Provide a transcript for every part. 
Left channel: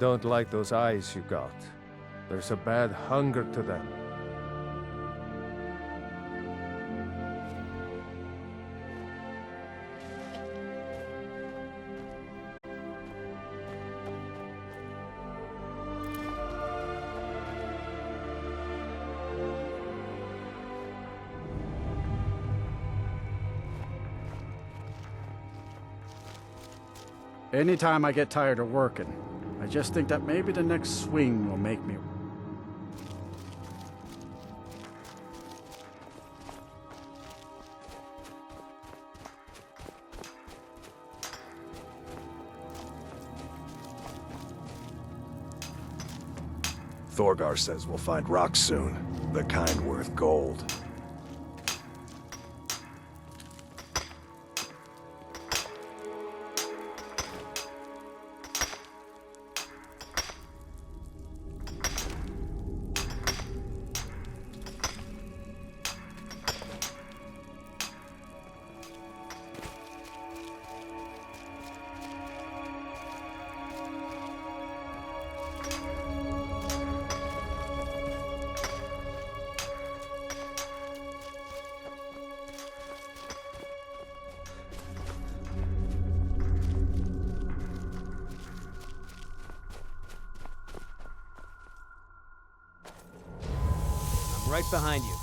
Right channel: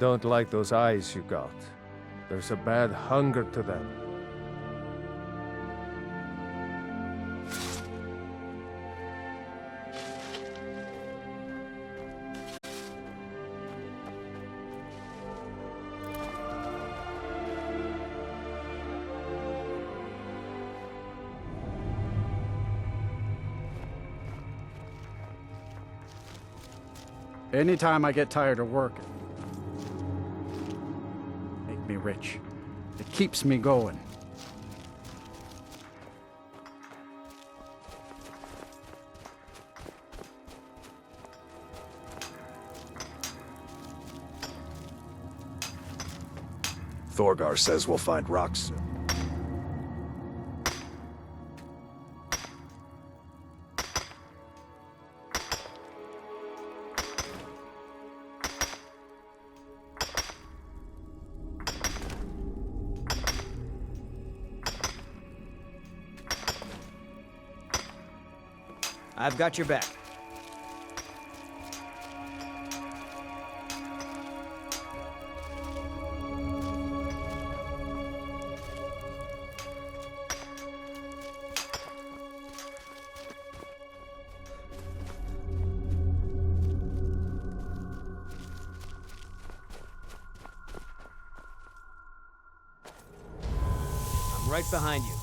don't like those eyes you got. There's a bad hunger to them. Anytime I get tired of working, I just think that maybe the next swing will make me rich. It keeps me going. Thorgar says we'll find rocks soon, the kind worth gold. I've got your back. I'm right behind you.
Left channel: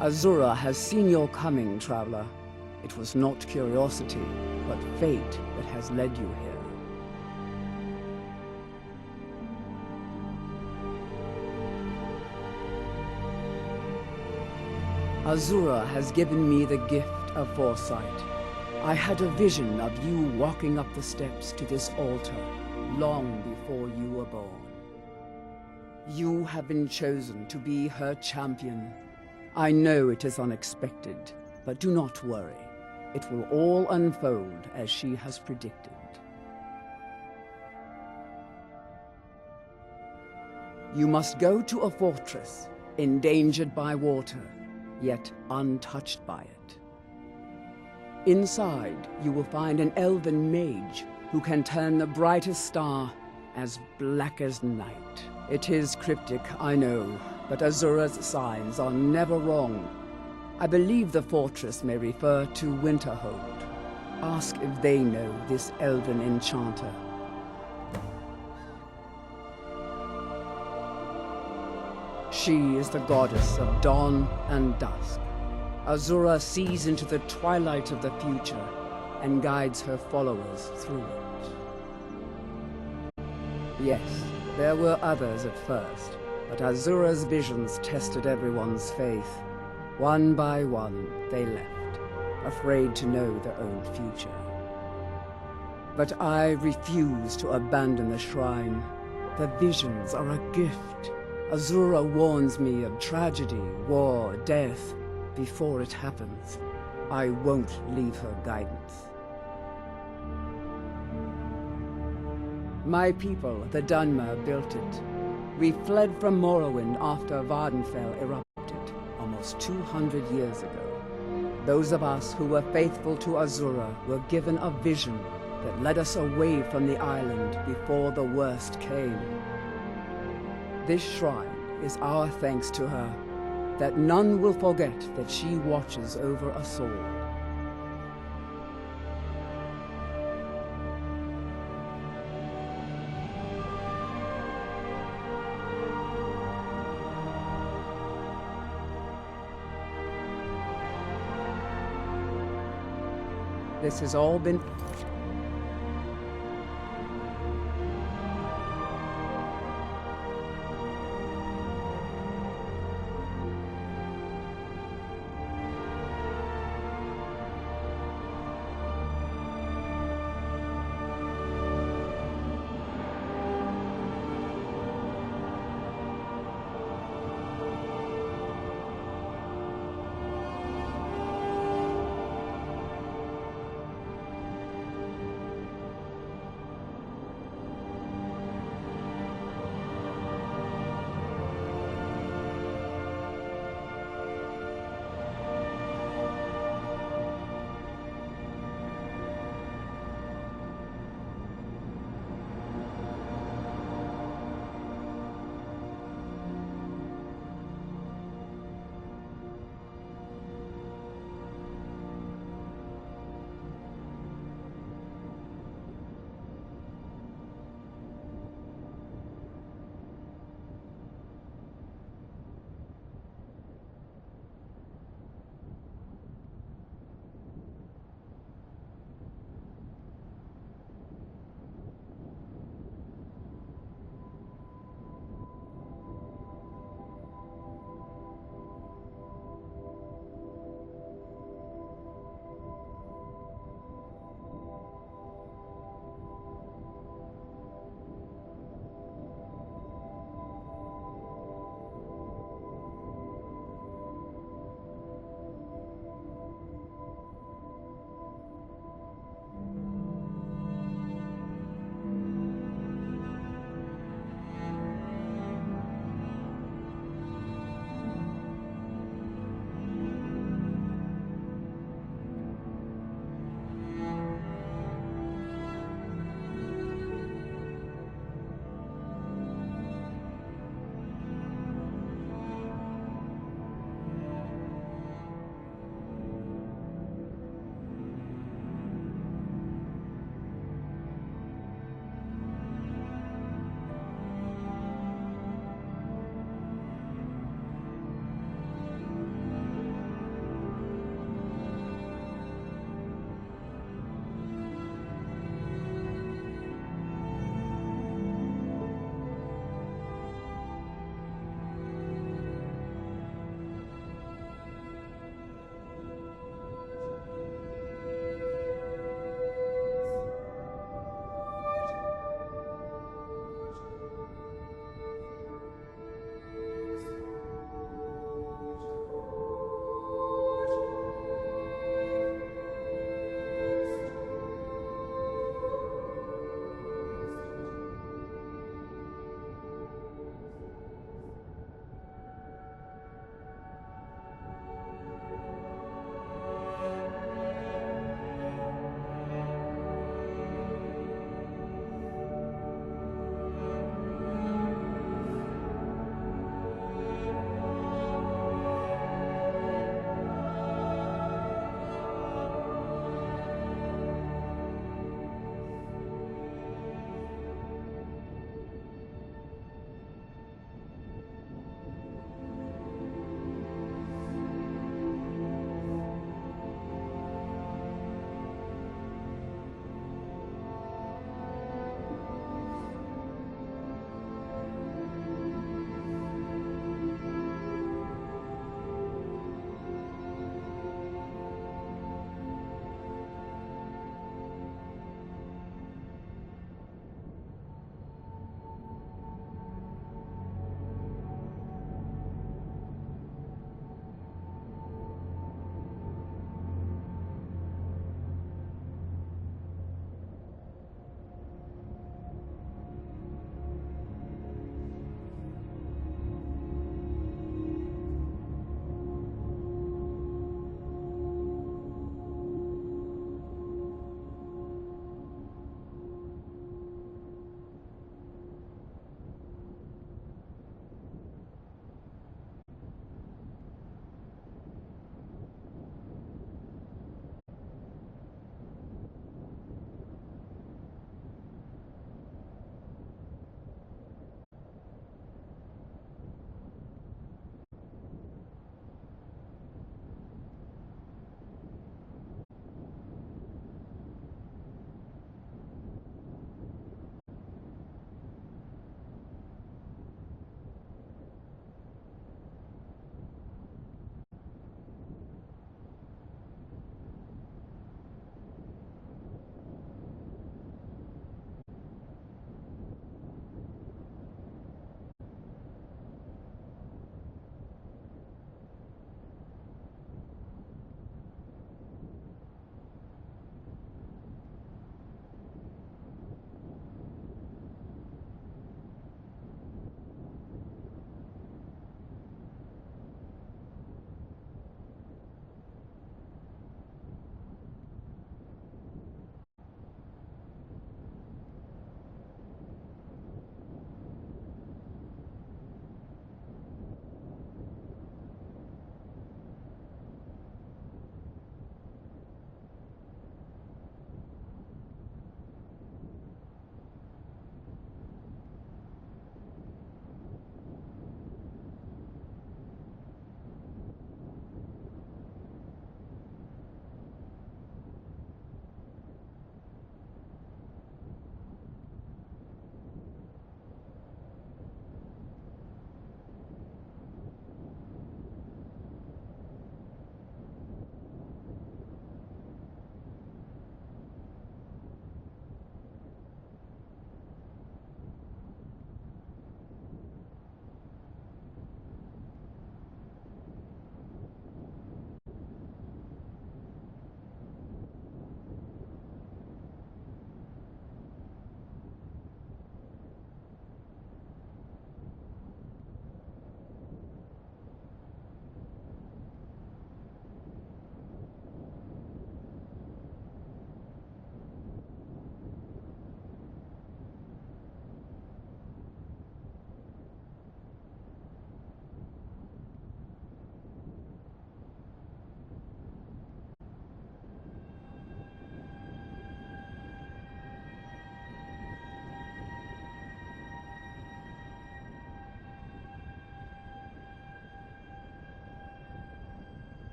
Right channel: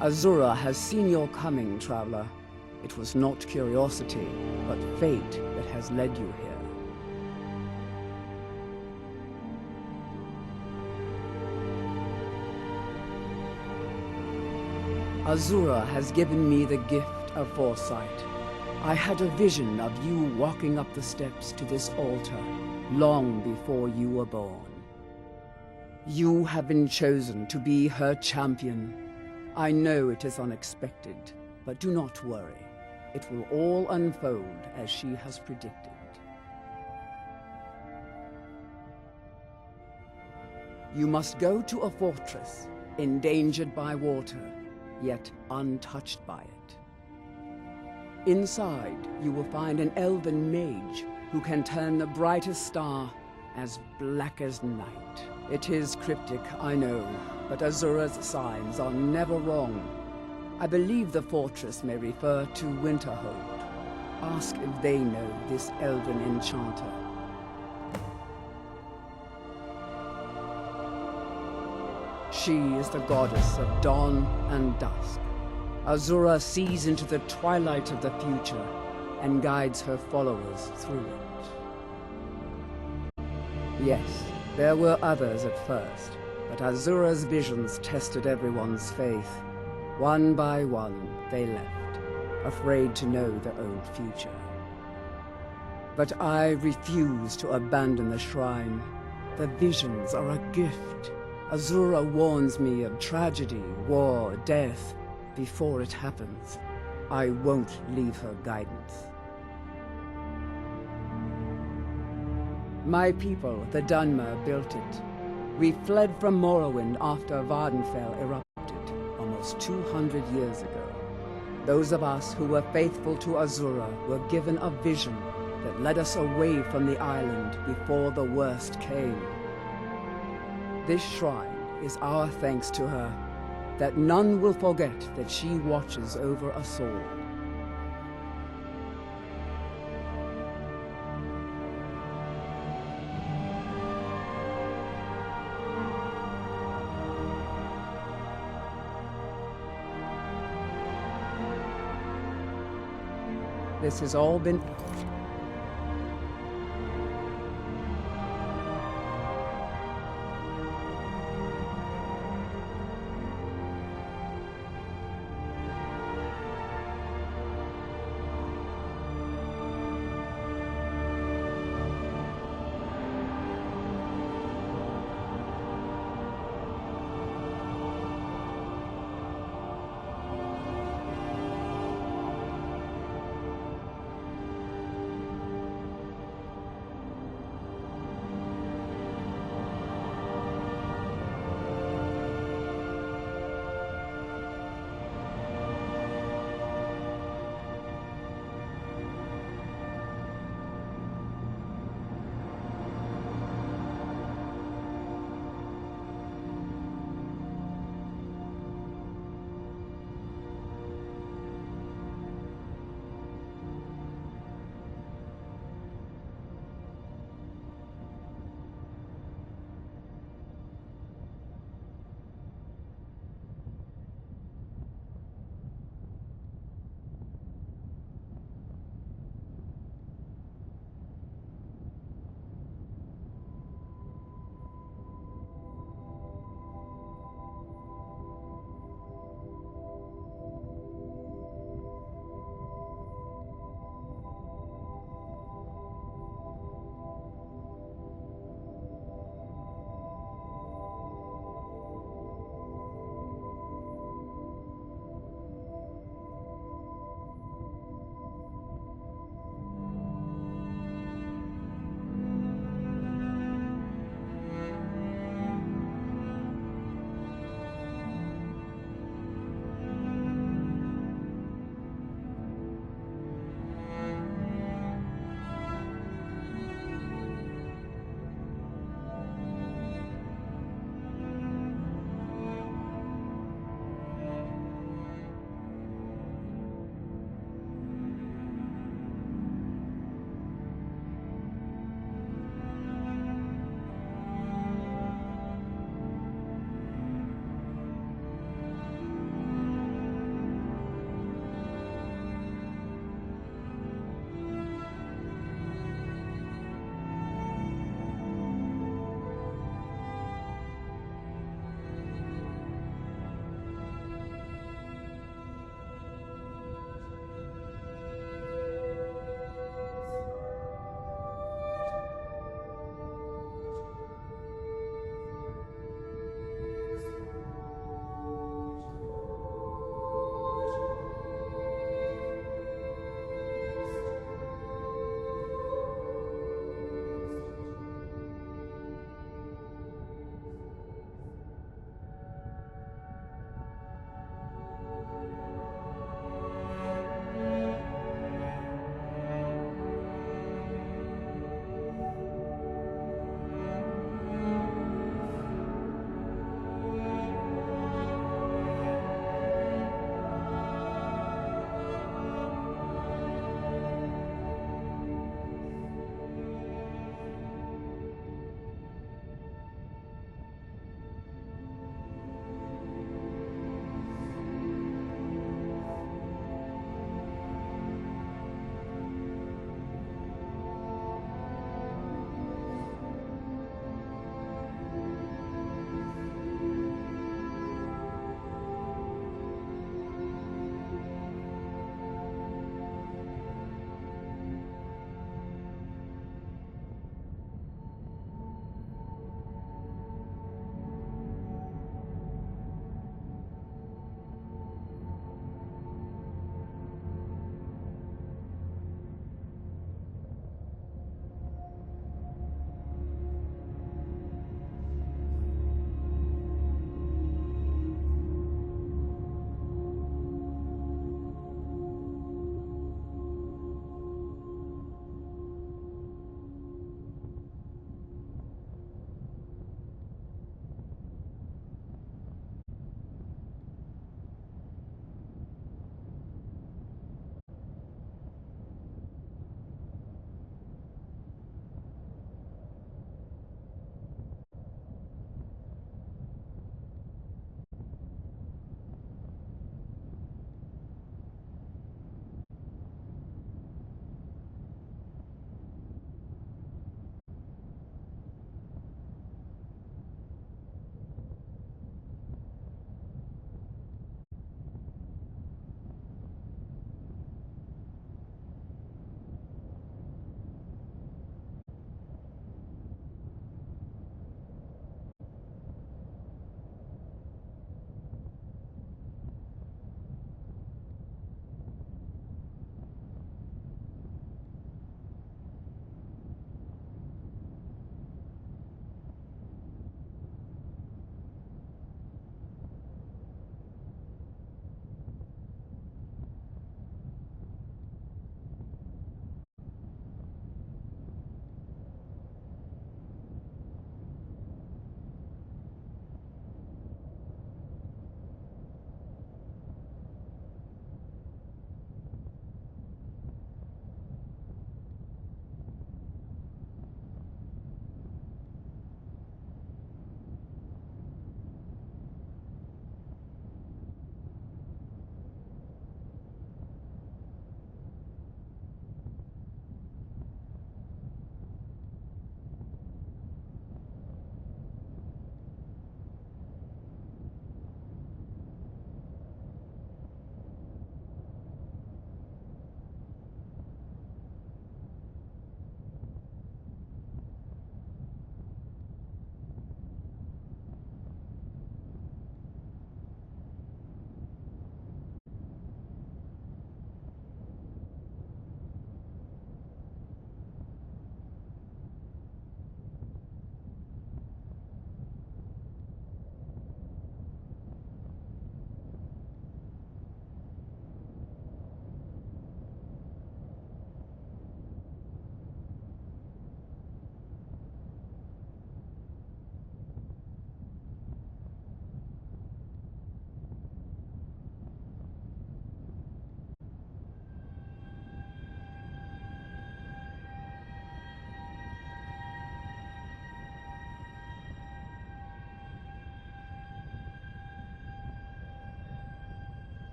Azura has seen your coming, traveler. It was not curiosity, but fate that has led you here. Azura has given me the gift of foresight. I had a vision of you walking up the steps to this altar long before you were born. You have been chosen to be her champion. I know it is unexpected, but do not worry. It will all unfold as she has predicted. You must go to a fortress, endangered by water, yet untouched by it. Inside, you will find an elven mage who can turn the brightest star as black as night. It is cryptic, I know, but Azura's signs are never wrong. I believe the fortress may refer to Winterhold. Ask if they know this elven enchanter. She is the goddess of dawn and dusk. Azura sees into the twilight of the future and guides her followers through it. Yes, there were others at first, but Azura's visions tested everyone's faith. One by one, they left, afraid to know their own future. But I refuse to abandon the shrine. The visions are a gift. Azura warns me of tragedy, war, death, before it happens. I won't leave her guidance. My people, the Dunmer, built it. We fled from Morrowind after Vardenfell erupted, almost 200 years ago. Those of us who were faithful to Azura were given a vision that led us away from the island before the worst came. This shrine is our thanks to her, that none will forget that she watches over us all. This has all been...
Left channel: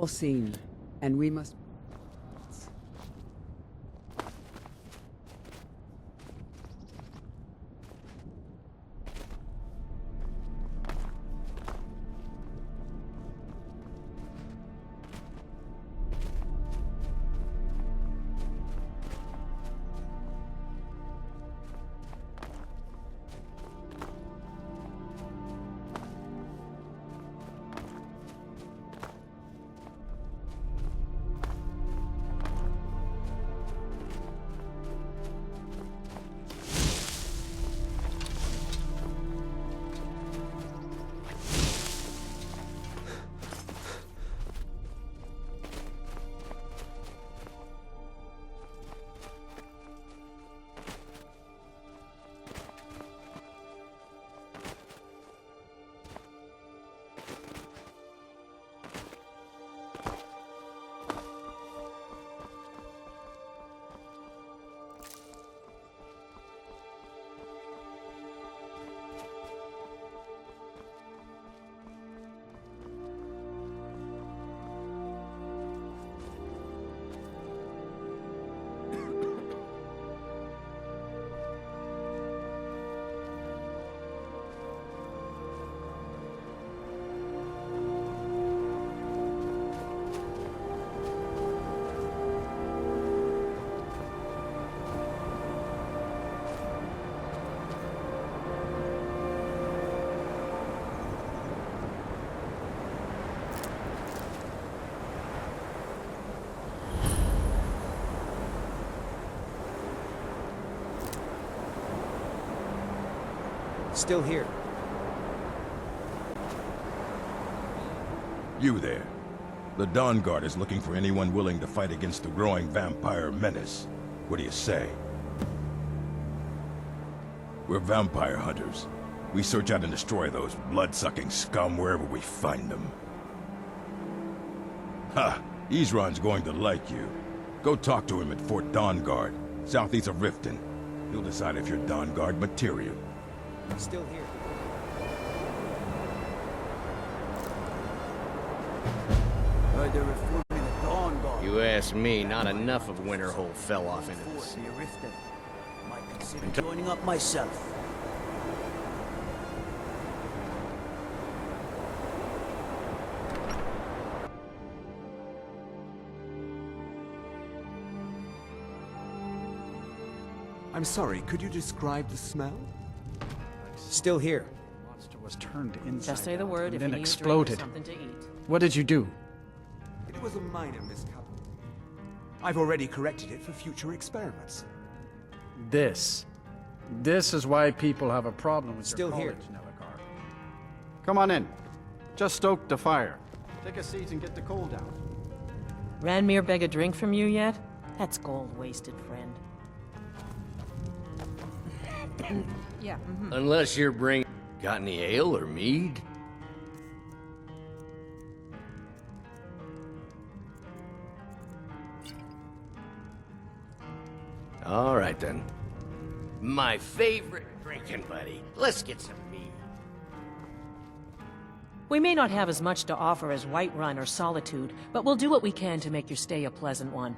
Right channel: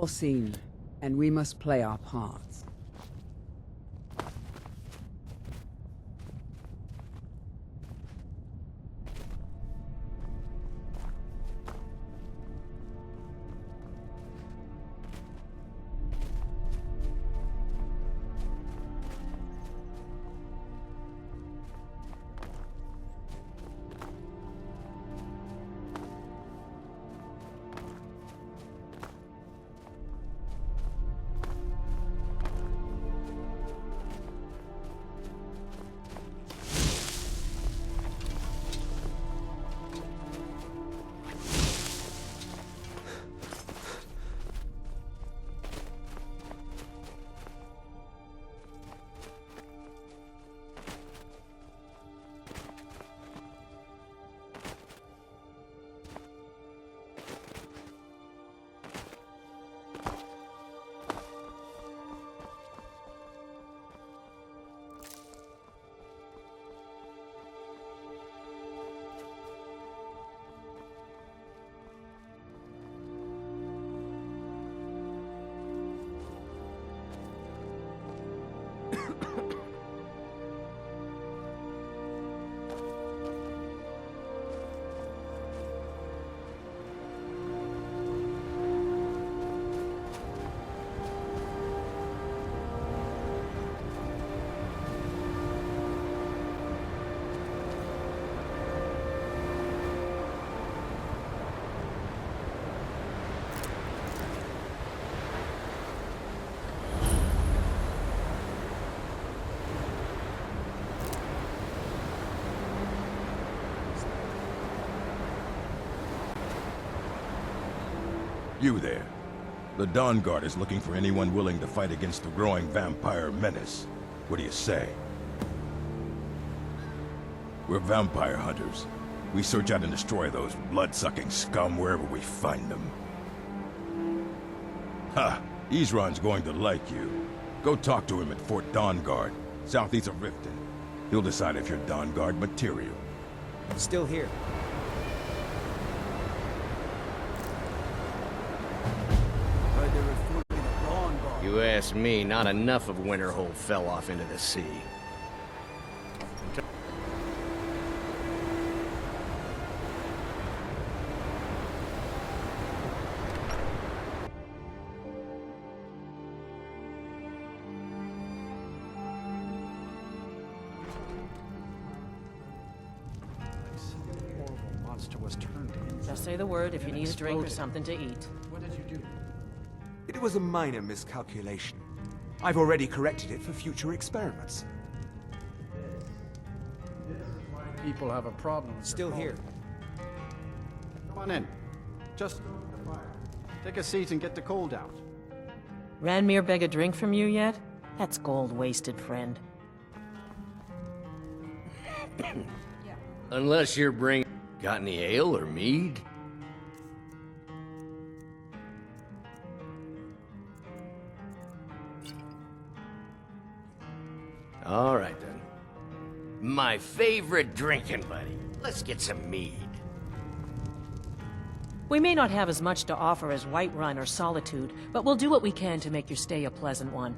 Foreseen, and we must play our parts. Still here. You there. The Dawn Guard is looking for anyone willing to fight against the growing vampire menace. What do you say? We're vampire hunters. We search out and destroy those blood-sucking scum wherever we find them. Ha! Ezron's going to like you. Go talk to him at Fort Dawn Guard, southeast of Riften. He'll decide if you're Dawn Guard material. Still here. Heard they're reforming the Dawn Guard. You ask me, not enough of Winterhold fell off into the sea. Might consider joining up myself. I'm sorry, could you describe the smell? Still here. The monster was turned inside. Just say the word if you and need a drink exploded. or something to eat. What did you do? It was a minor miscalculation. I've already corrected it for future experiments. This is why people have a problem with Still your here. college, Navigar. Come on in. Just stoke the fire. Take a seat and get the cold out. Ranmir beg a drink from you yet? That's gold wasted, friend. Yeah. Unless you're bringing... Got any ale or mead? All right, then. My favorite drinking buddy. Let's get some mead. We may not have as much to offer as Whiterun or Solitude, but we'll do what we can to make your stay a pleasant one.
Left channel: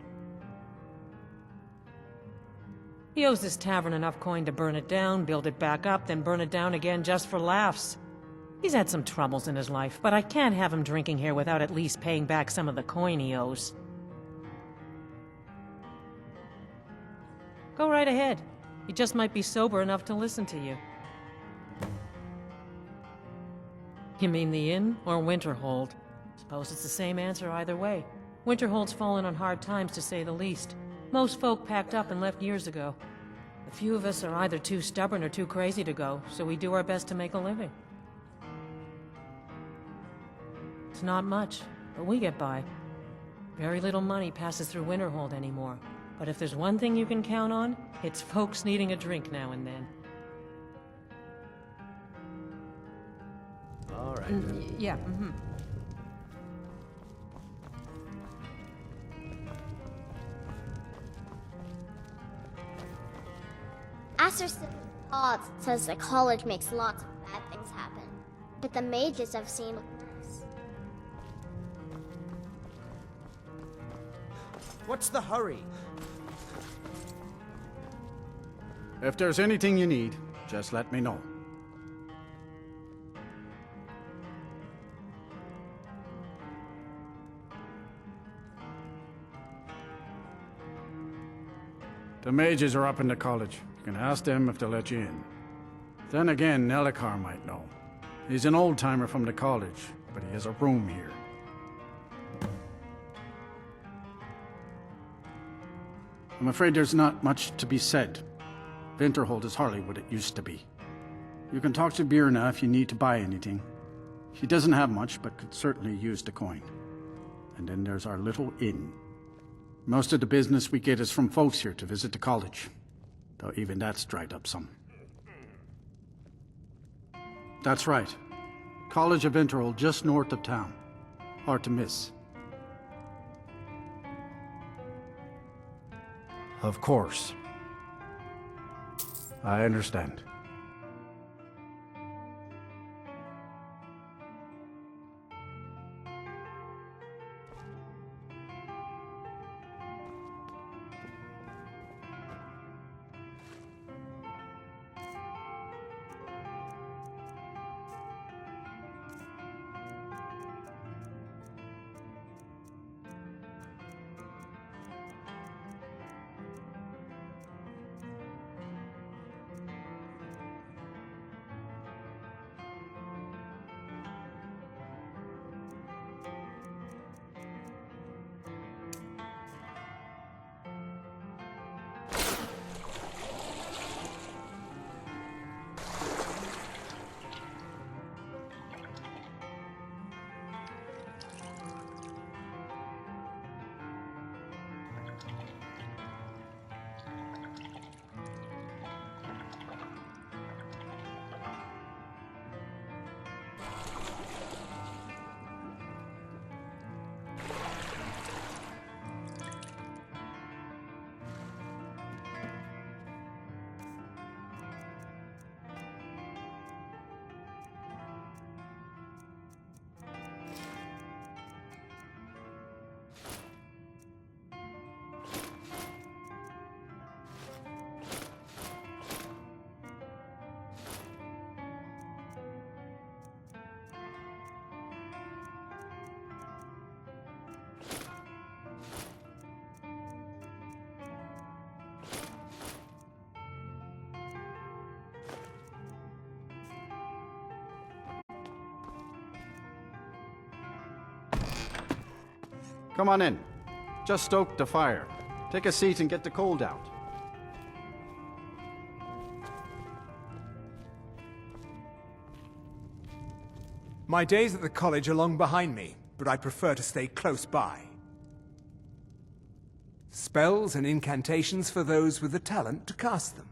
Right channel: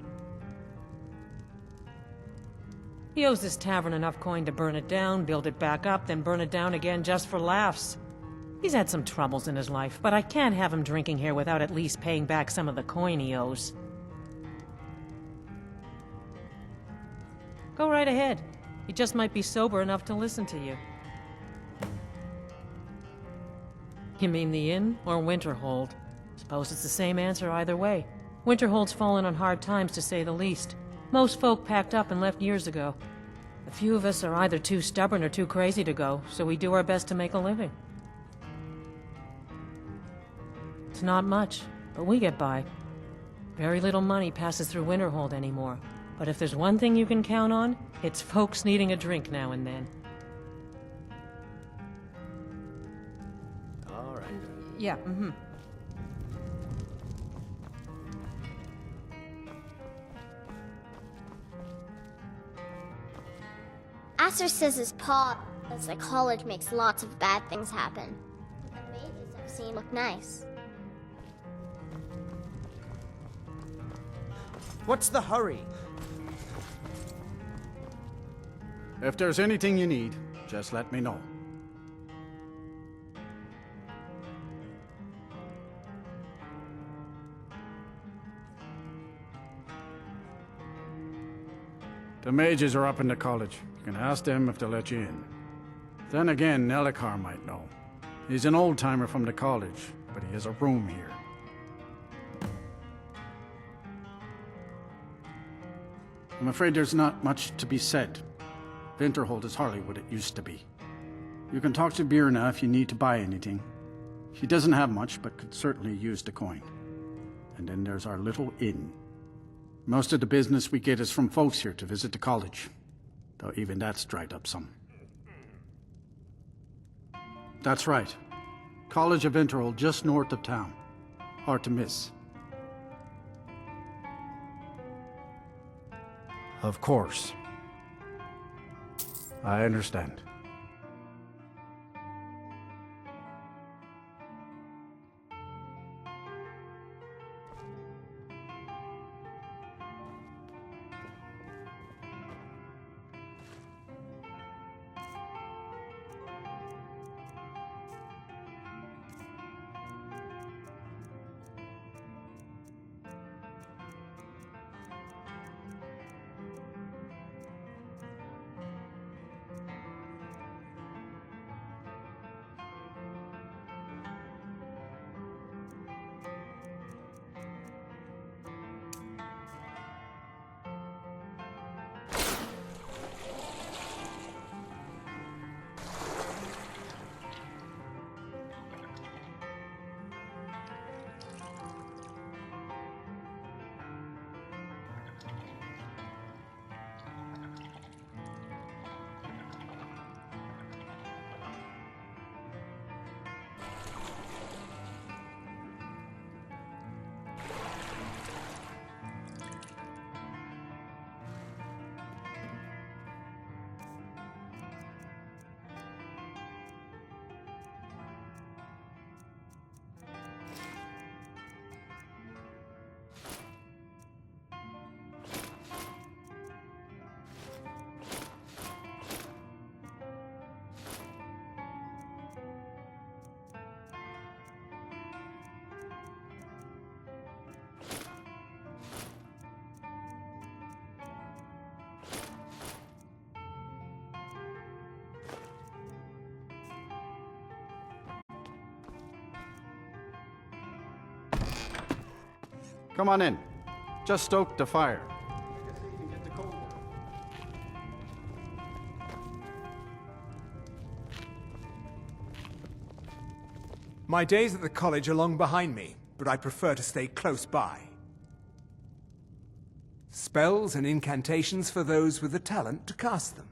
He owes this tavern enough coin to burn it down, build it back up, then burn it down again just for laughs. He's had some troubles in his life, but I can't have him drinking here without at least paying back some of the coin he owes. Go right ahead. He just might be sober enough to listen to you. You mean the inn or Winterhold? Suppose it's the same answer either way. Winterhold's fallen on hard times, to say the least. Most folk packed up and left years ago. A few of us are either too stubborn or too crazy to go, so we do our best to make a living. It's not much, but we get by. Very little money passes through Winterhold anymore. But if there's one thing you can count on, it's folks needing a drink now and then. All right, then. Yeah, Aster says his pa says the college makes lots of bad things happen, but the mages I've seen look nice. What's the hurry? If there's anything you need, just let me know. The mages are up in the college. You can ask them if they'll let you in. Then again, Nelikar might know. He's an old-timer from the college, but he has a room here. I'm afraid there's not much to be said. Winterhold is hardly what it used to be. You can talk to Birna if you need to buy anything. She doesn't have much, but could certainly use the coin. And then there's our little inn. Most of the business we get is from folks here to visit the college, though even that's dried up some. That's right. College of Winterhold, just north of town. Hard to miss. Of course. I understand. Come on in. Just stoke the fire. Take a seat and get the cold out. My days at the college are long behind me, but I prefer to stay close by. Spells and incantations for those with the talent to cast them.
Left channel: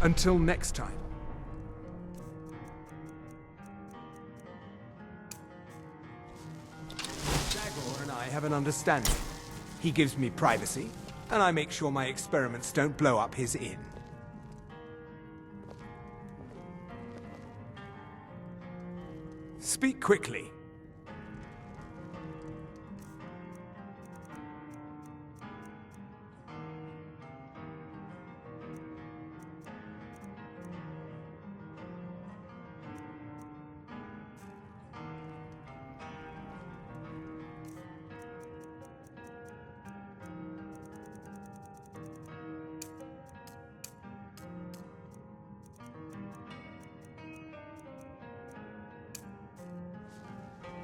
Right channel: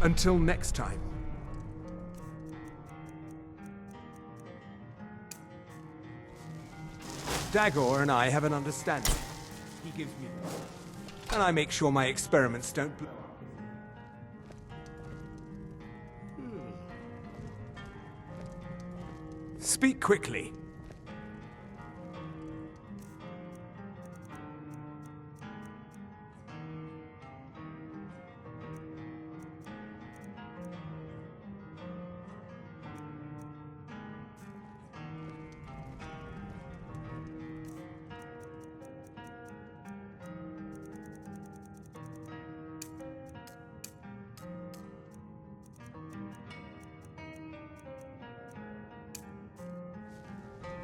Until next time. Jagor and I have an understanding. He gives me privacy, and I make sure my experiments don't blow up his inn. Speak quickly.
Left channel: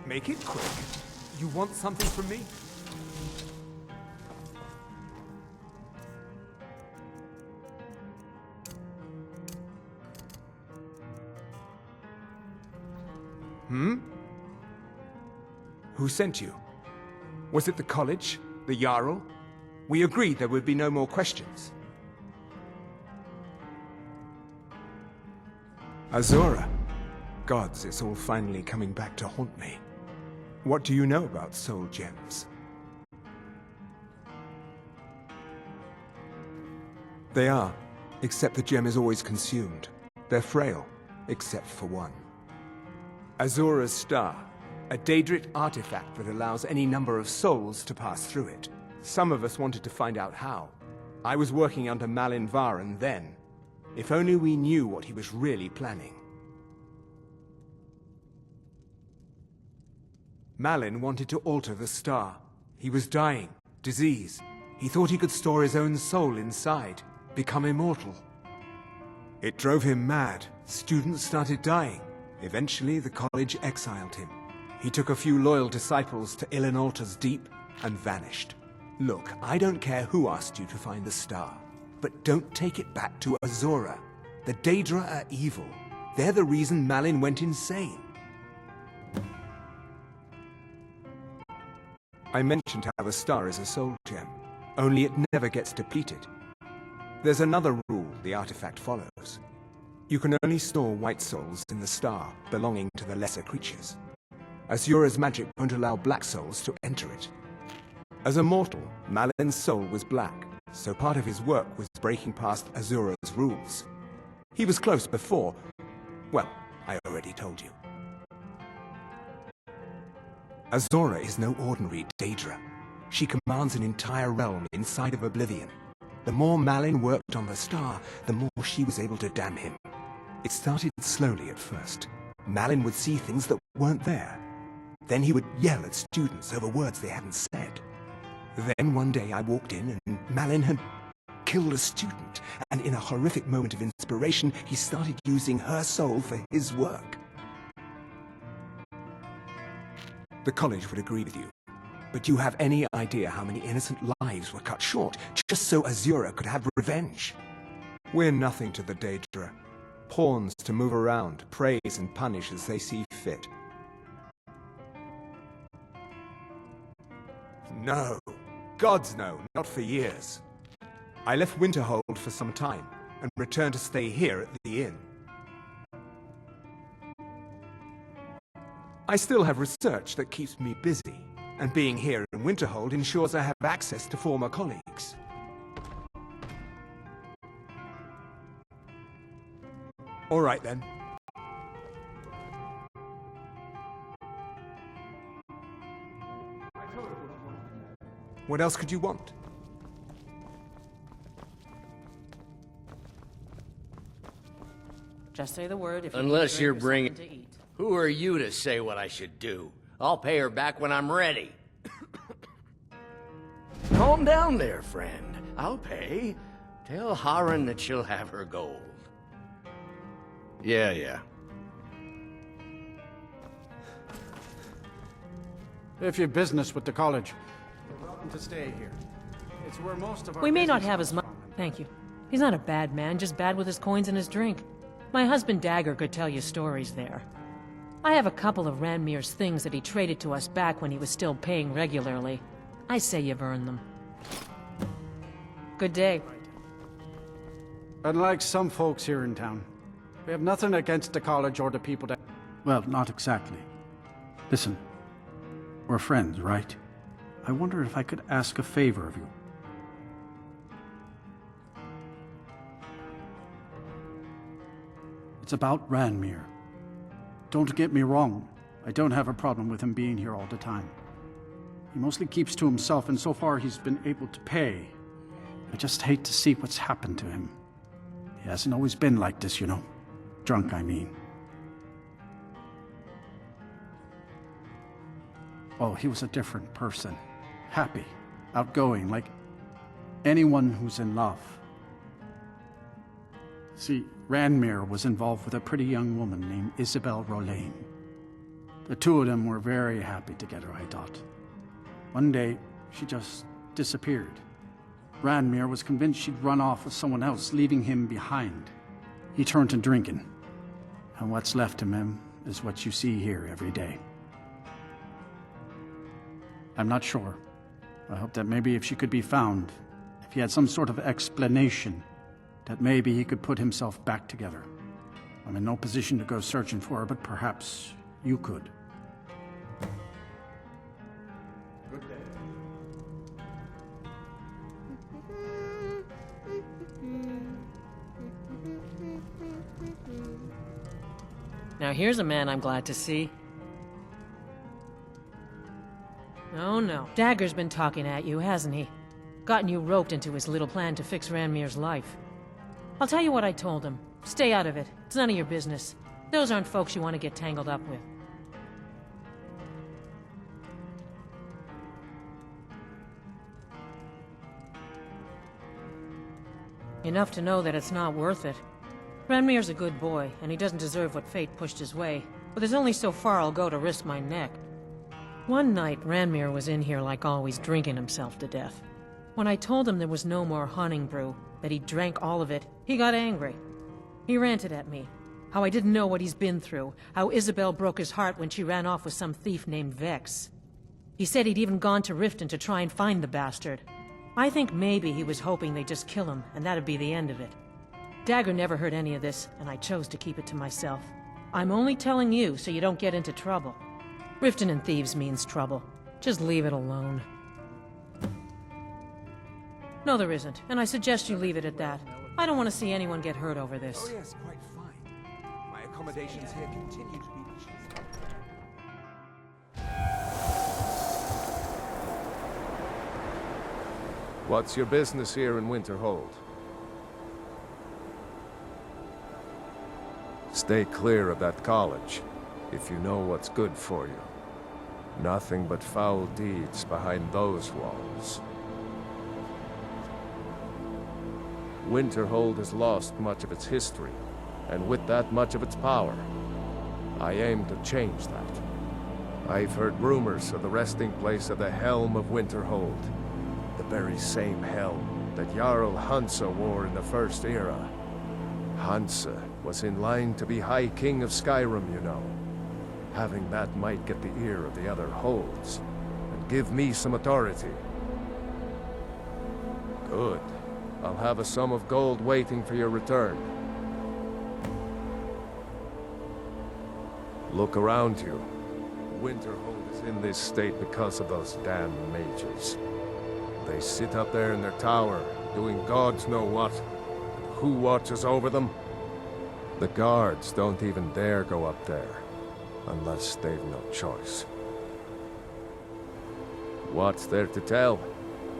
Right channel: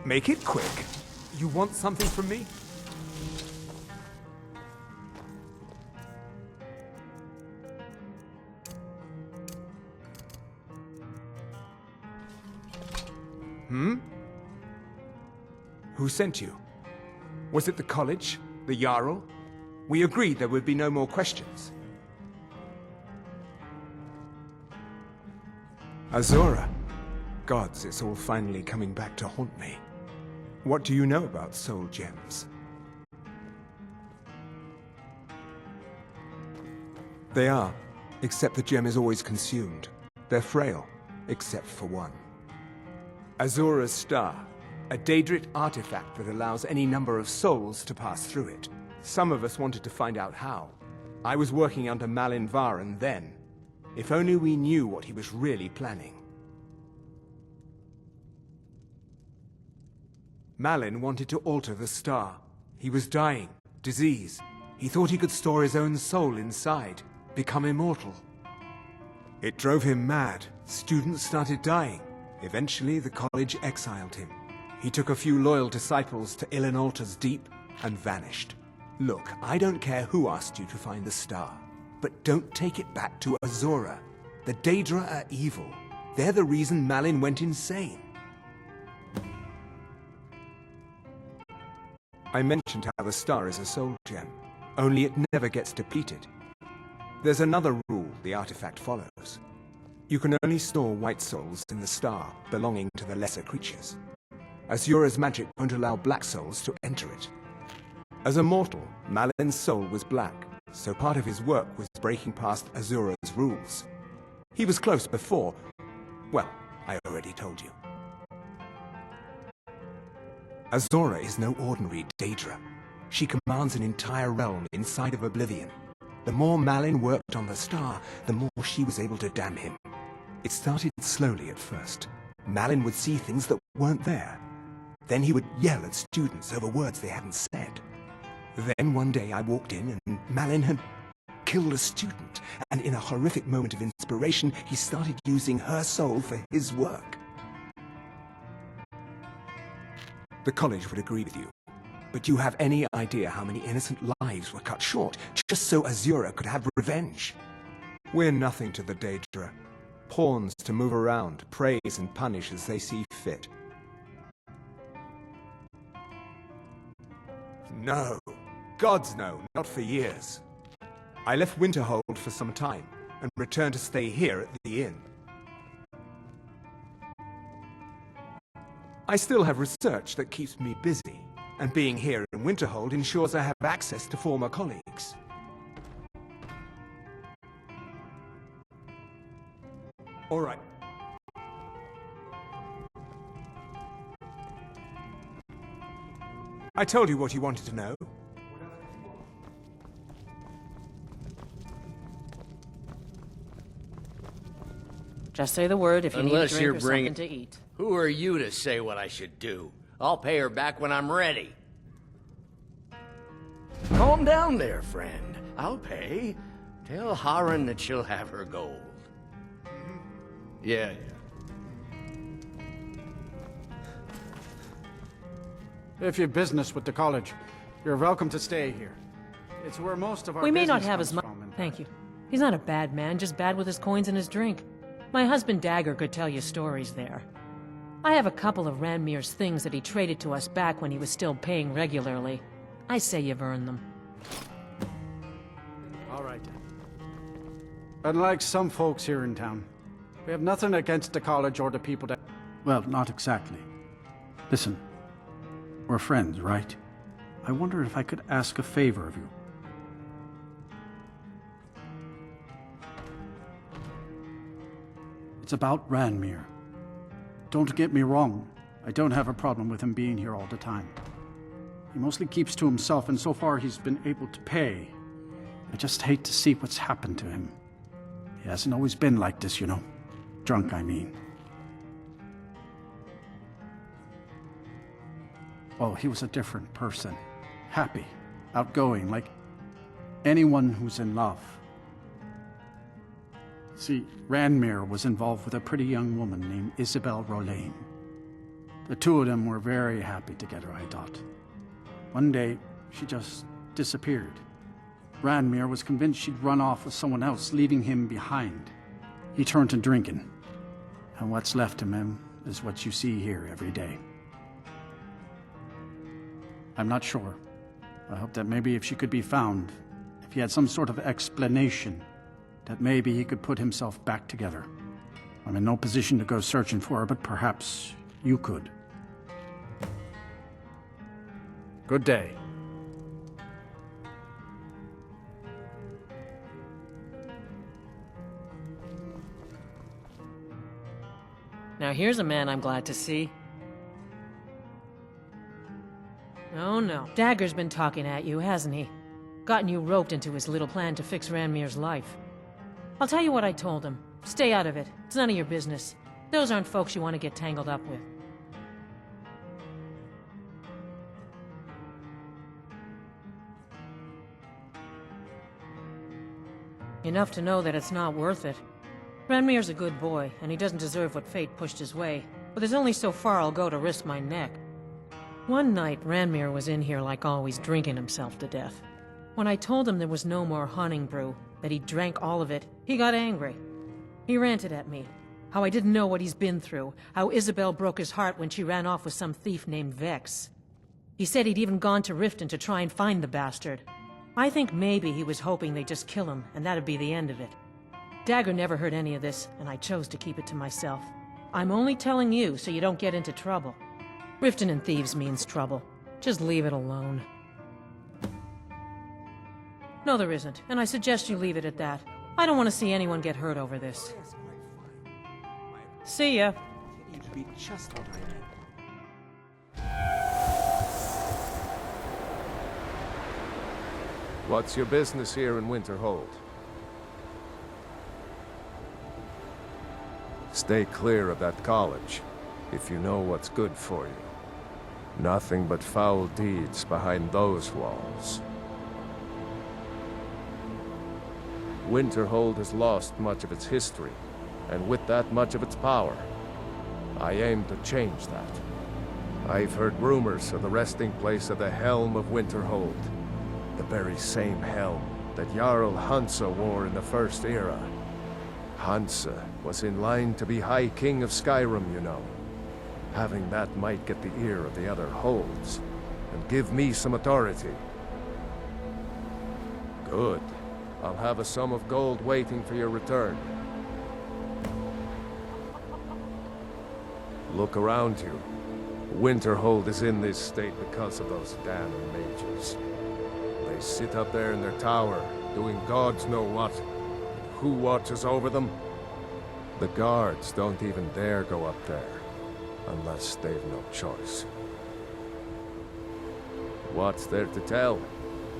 Make it quick. You want something from me? Who sent you? Was it the college? The Jarl? We agreed there would be no more questions. Azura. Gods, it's all finally coming back to haunt me. What do you know about soul gems? They are, except the gem is always consumed. They're frail, except for one. Azura's Star, a Daedric artifact that allows any number of souls to pass through it. Some of us wanted to find out how. I was working under Malin Varen then. If only we knew what he was really planning. Malin wanted to alter the star. He was dying, disease. He thought he could store his own soul inside, become immortal. It drove him mad. Students started dying. Eventually, the college exiled him. He took a few loyal disciples to Illinalta's Deep and vanished. Look, I don't care who asked you to find the star, but don't take it back to Azura. The Daedra are evil. They're the reason Malin went insane. I mentioned how the star is a soul gem, only it never gets depleted. There's another rule the artifact follows. You can only store white souls in the star belonging to the lesser creatures. Azura's magic won't allow black souls to enter it. As a mortal, Malin's soul was black, so part of his work was breaking past Azura's rules. He was close before. Well, I already told you. Azura is no ordinary Daedra. She commands an entire realm inside of Oblivion. The more Malin worked on the star, the more she was able to damn him. It started slowly at first. Malin would see things that weren't there. Then he would yell at students over words they hadn't said. Then one day I walked in and Malin had killed a student, and in a horrific moment of inspiration, he started using her soul for his work. The college would agree with you. But do you have any idea how many innocent lives were cut short, just so Azura could have revenge? We're nothing to the Daedra. Pawns to move around, praise and punish as they see fit. No. Gods no, not for years. I left Winterhold for some time, and returned to stay here at the inn. I still have research that keeps me busy, and being here in Winterhold ensures I have access to former colleagues. All right then. I told you what you wanted to know. What else could you want? Just say the word if you Unless need a you're drink or bringing... something to eat. Who are you to say what I should do? I'll pay her back when I'm ready. Calm down there, friend. I'll pay. Tell Harren that she'll have her gold. Yeah. If you've business with the college, you're welcome to stay here. It's where most of our We may not business have comes as much. from, and- Thank you. He's not a bad man, just bad with his coins and his drink. My husband Dagger could tell you stories there. I have a couple of Ranmir's things that he traded to us back when he was still paying regularly. I say you've earned them. Good day. All right. Unlike some folks here in town, we have nothing against the college or the people that... Well, not exactly. Listen, we're friends, right? I wonder if I could ask a favor of you. It's about Ranmir. Don't get me wrong, I don't have a problem with him being here all the time. He mostly keeps to himself, and so far he's been able to pay. I just hate to see what's happened to him. He hasn't always been like this, you know. Drunk, I mean. Oh, he was a different person. Happy, outgoing, like anyone who's in love. See, Ranmir was involved with a pretty young woman named Isabel Rolaine. The two of them were very happy together, I thought. One day, she just disappeared. Ranmir was convinced she'd run off with someone else, leaving him behind. He turned to drinking. And what's left of him is what you see here every day. I'm not sure. I hope that maybe if she could be found, if he had some sort of explanation, that maybe he could put himself back together. I'm in no position to go searching for her, but perhaps you could. Good day. Now here's a man I'm glad to see. Oh no. Dagger's been talking at you, hasn't he? Gotten you roped into his little plan to fix Ranmir's life. I'll tell you what I told him. Stay out of it. It's none of your business. Those aren't folks you want to get tangled up with. Enough to know that it's not worth it. Ranmir's a good boy, and he doesn't deserve what fate pushed his way. But there's only so far I'll go to risk my neck. One night, Ranmir was in here like always, drinking himself to death. When I told him there was no more hunting brew, that he drank all of it, he got angry. He ranted at me. How I didn't know what he's been through. How Isabel broke his heart when she ran off with some thief named Vex. He said he'd even gone to Riften to try and find the bastard. I think maybe he was hoping they'd just kill him, and that'd be the end of it. Dagger never heard any of this, and I chose to keep it to myself. I'm only telling you so you don't get into trouble. Riften and thieves means trouble. Just leave it alone. No, there isn't, and I suggest you leave it at that. I don't want to see anyone get hurt over this. Oh yes, quite fine. My accommodations See ya. here continue to be just like What's your business here in Winterhold? Stay clear of that college, if you know what's good for you. Nothing but foul deeds behind those walls. Winterhold has lost much of its history, and with that much of its power. I aim to change that. I've heard rumors of the resting place of the Helm of Winterhold. The very same helm that Jarl Hansa wore in the First Era. Hansa was in line to be High King of Skyrim, you know. Having that might get the ear of the other holds, and give me some authority. Good. I'll have a sum of gold waiting for your return. Look around you. Winterhold is in this state because of those damn mages. They sit up there in their tower, doing gods know what. And who watches over them? The guards don't even dare go up there, unless they've no choice. What's there to tell?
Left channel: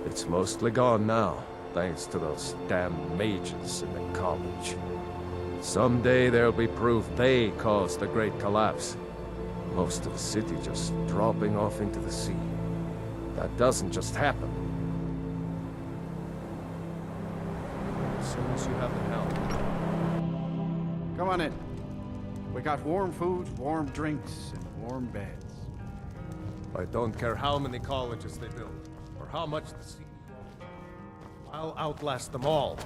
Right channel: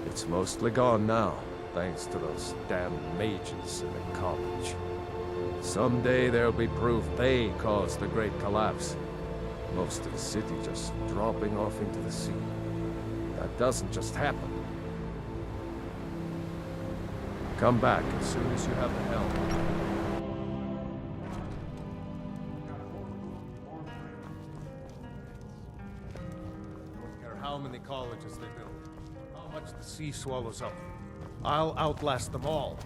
It's mostly gone now, thanks to those damn mages in the college. Someday there'll be proof they caused the Great Collapse. Most of the city just dropping off into the sea. That doesn't just happen. Come back as soon as you have the helm. Come on in. We got warm food, warm drinks, and warm beds. I don't care how many colleges they build, or how much the sea swallows up. I'll outlast them all.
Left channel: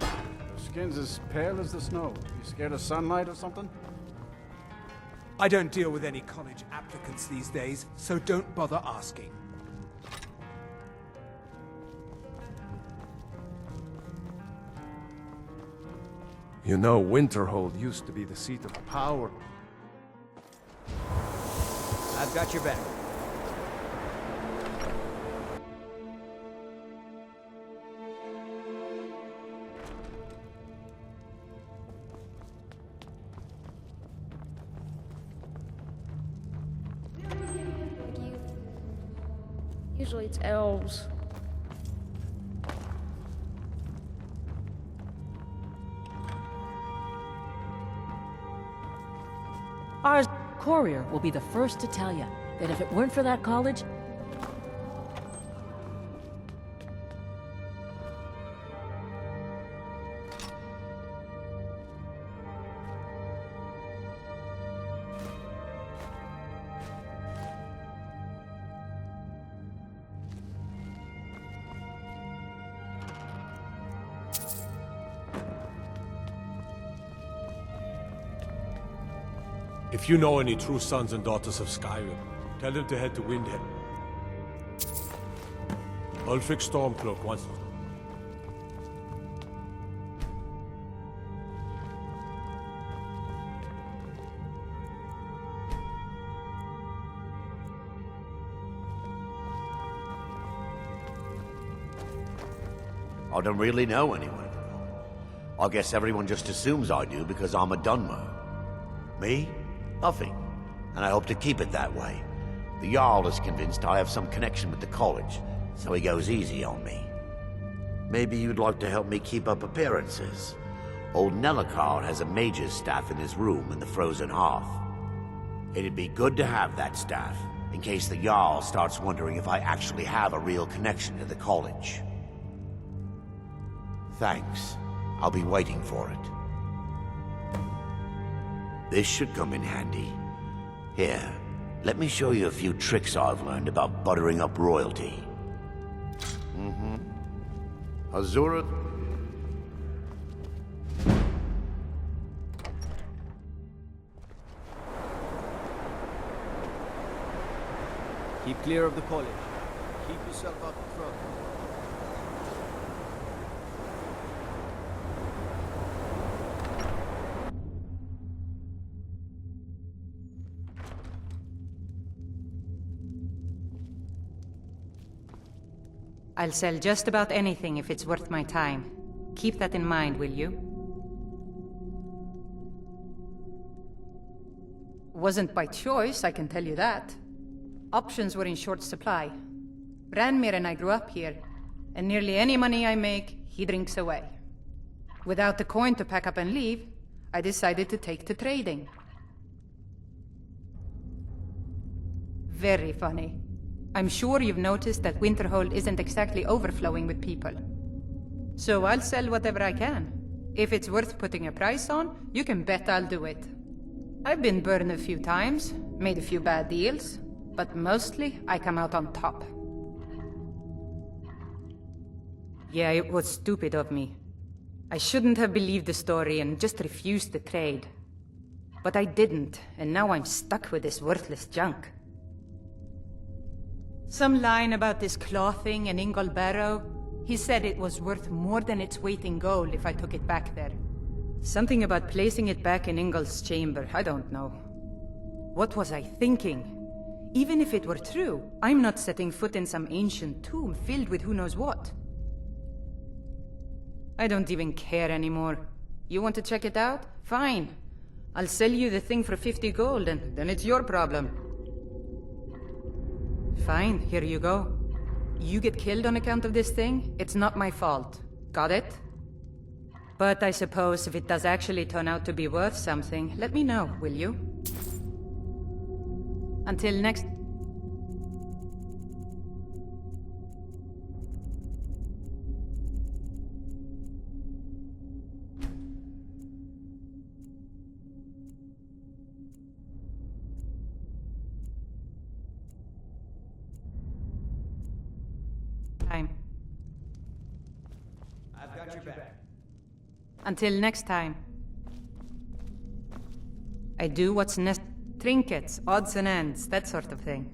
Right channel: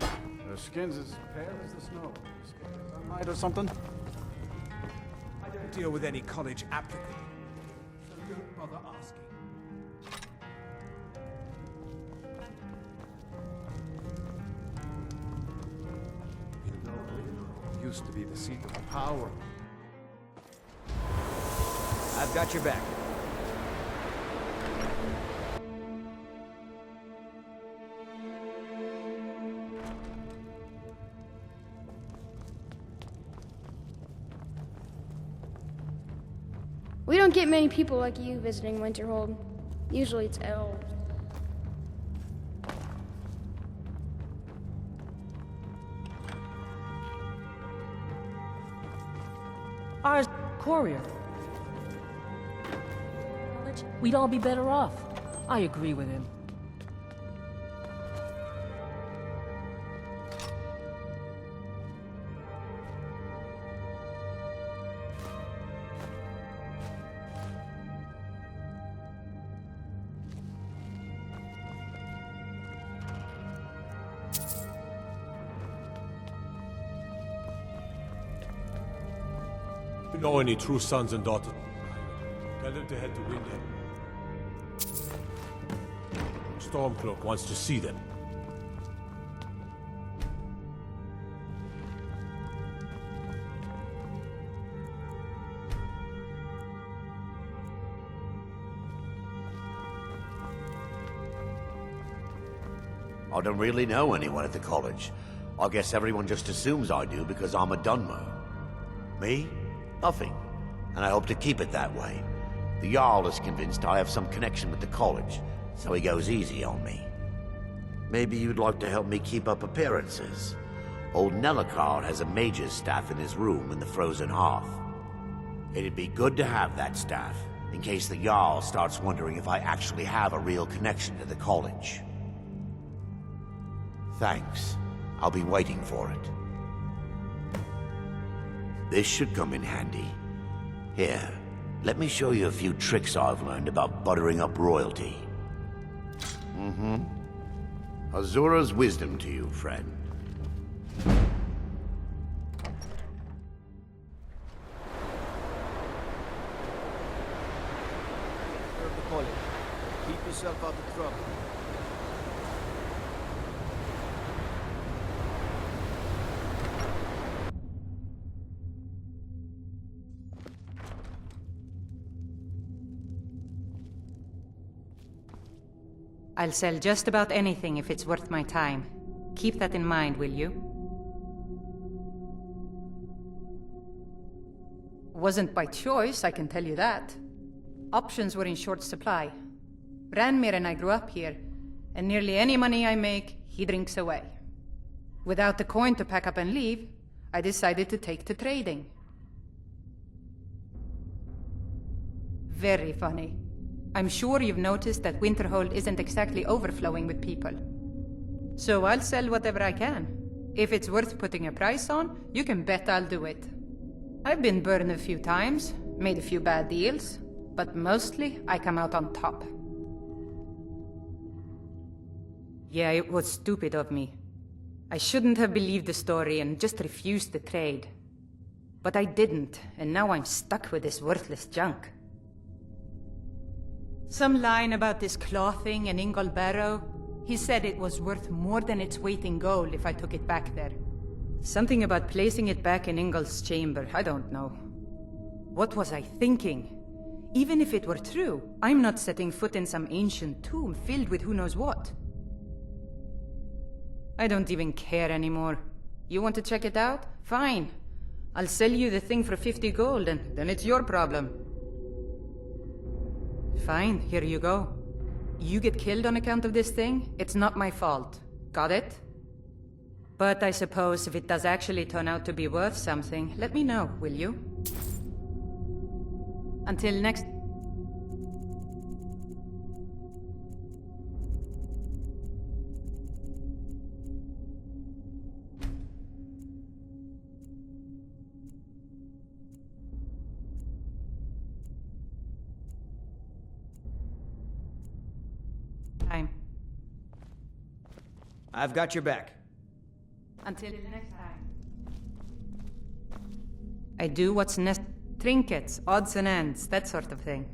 Their skin's as pale as the snow. You scared of sunlight or something? I don't deal with any college applicants these days, so don't bother asking. You know, Winterhold used to be the seat of power. I've got your back. We don't get many people like you visiting Winterhold. Usually it's elves. Our courier will be the first to tell you that if it weren't for that college, we'd all be better off. I agree with him. If you know any true sons and daughters of Skyrim, tell them to head to Windhead. Ulfric Stormcloak wants to see them. I don't really know anyone at the college. I guess everyone just assumes I do because I'm a Dunmer. Me? Nothing. And I hope to keep it that way. The Jarl is convinced I have some connection with the college, so he goes easy on me. Maybe you'd like to help me keep up appearances. Old Nellakar has a mage's staff in his room in the frozen hearth. It'd be good to have that staff, in case the Jarl starts wondering if I actually have a real connection to the college. Thanks. I'll be waiting for it. This should come in handy. Here, let me show you a few tricks I've learned about buttering up royalty. Azura's wisdom to you, friend. Keep clear of the college. Keep yourself out of trouble. I'll sell just about anything if it's worth my time. Keep that in mind, will you? Wasn't by choice, I can tell you that. Options were in short supply. Ranmir and I grew up here, and nearly any money I make, he drinks away. Without the coin to pack up and leave, I decided to take to trading. Very funny. I'm sure you've noticed that Winterhold isn't exactly overflowing with people. So I'll sell whatever I can. If it's worth putting a price on, you can bet I'll do it. I've been burned a few times, made a few bad deals, but mostly I come out on top. Yeah, it was stupid of me. I shouldn't have believed the story and just refused the trade. But I didn't, and now I'm stuck with this worthless junk. Some line about this clothing and Ingol Barrow. He said it was worth more than its weight in gold if I took it back there. Something about placing it back in Ingol's chamber, I don't know. What was I thinking? Even if it were true, I'm not setting foot in some ancient tomb filled with who knows what. I don't even care anymore. You want to check it out? Fine. I'll sell you the thing for 50 gold and then it's your problem. Fine, here you go. You get killed on account of this thing, it's not my fault. Got it? But I suppose if it does actually turn out to be worth something, let me know, will you? Until next... time. I've got your back. Until next time. I do what's necessary. Trinkets, odds and ends, that sort of thing.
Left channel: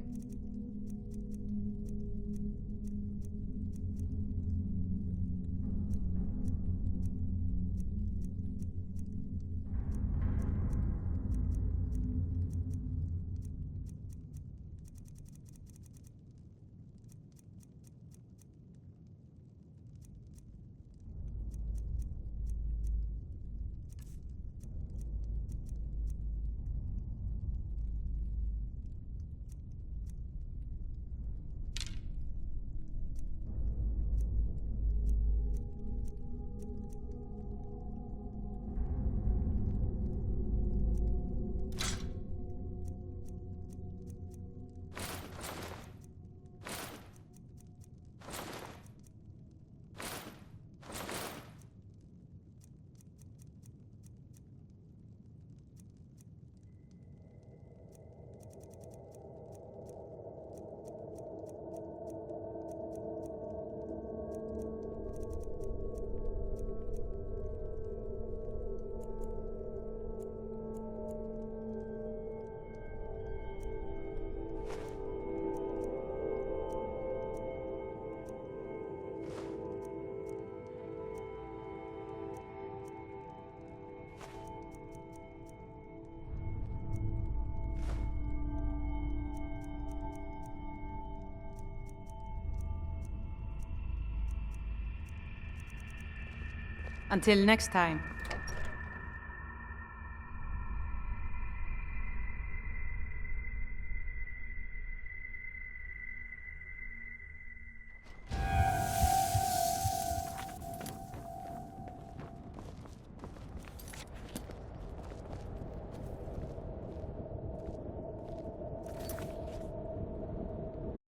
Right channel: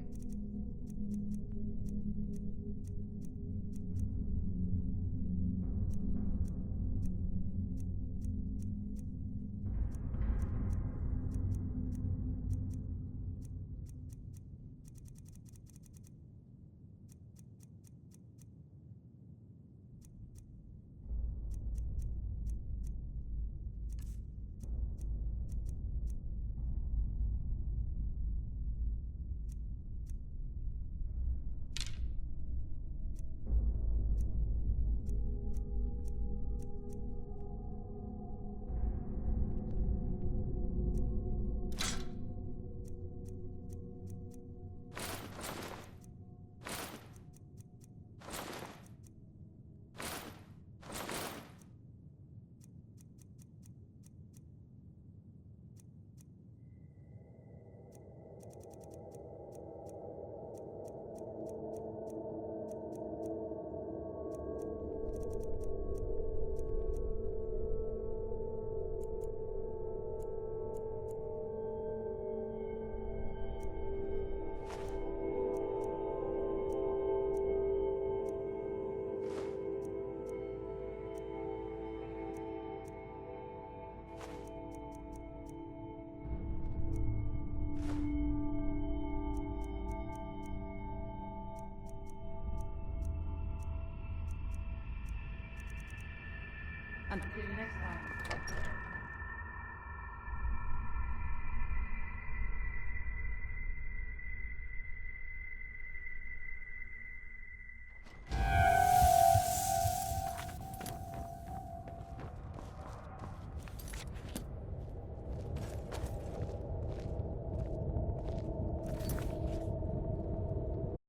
Until next time.